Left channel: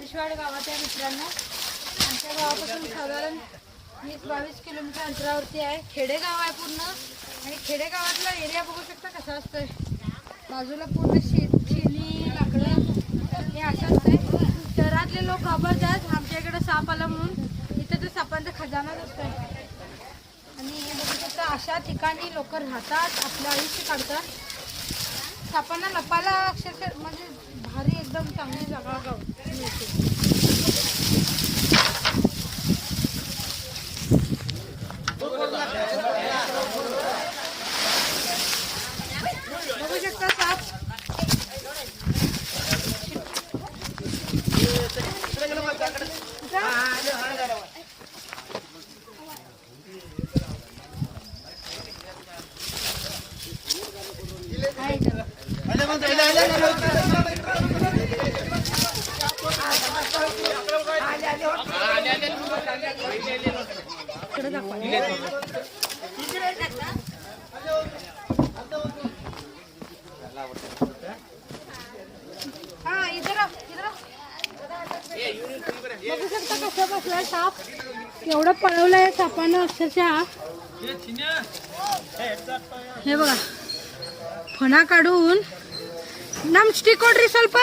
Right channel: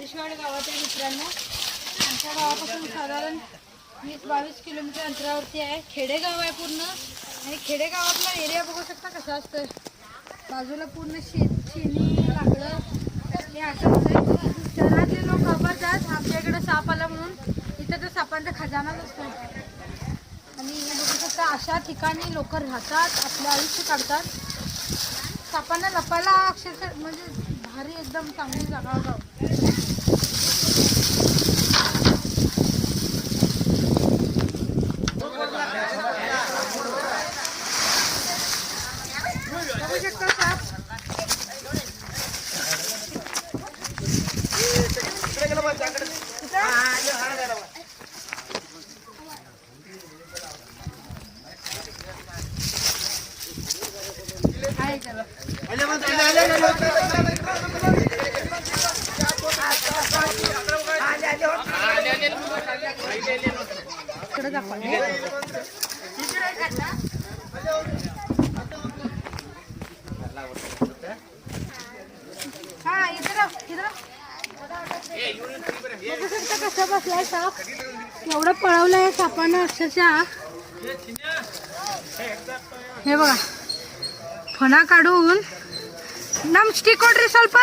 हरिशवाड गावाच्या मित्रांनो आमच्या गावापासून साधारण वीस बावीस किलोमीटर अंतरावरती आहे. खेडेगाव आहे पूर्ण. आणि खेडेगावातला एरिया बघू शकता कसा असतोय. बाजूला पूर्ण शेत शेणी लाकडं हे असं असतंय. शहरातले लोक घाबरतात आमच्याकडे साप आला म्हणून इथं तर सापांचा खजानाच असतो आणि बघू शकता अशा ठिकाणी लोक राहतात आपलं आयुष्य काढतात. सापांना लपायला अक्षरशः म्हणजे एकदम चांगली जागा गाव बघू कसा बसला साप. एवढं पळवलाय सापानं अक्षरशः. हे बघा. फणा काढून. नम स्टिकोड्री स्वल्प.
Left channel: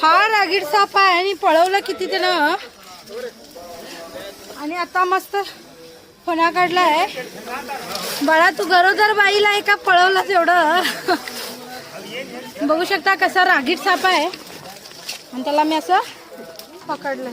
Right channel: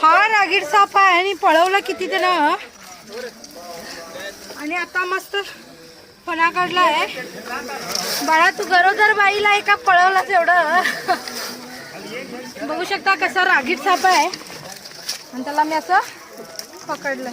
फार आगीड साप आहे आणि पळवलं किती त्यानं आणि आता मस्त फणा काढला आहे. बळा तू गरोदर बाईला एका पळवलाच एवढं. बघू शकता कसा रागीट साप आहे. आणि त्याला मी असं पकडलं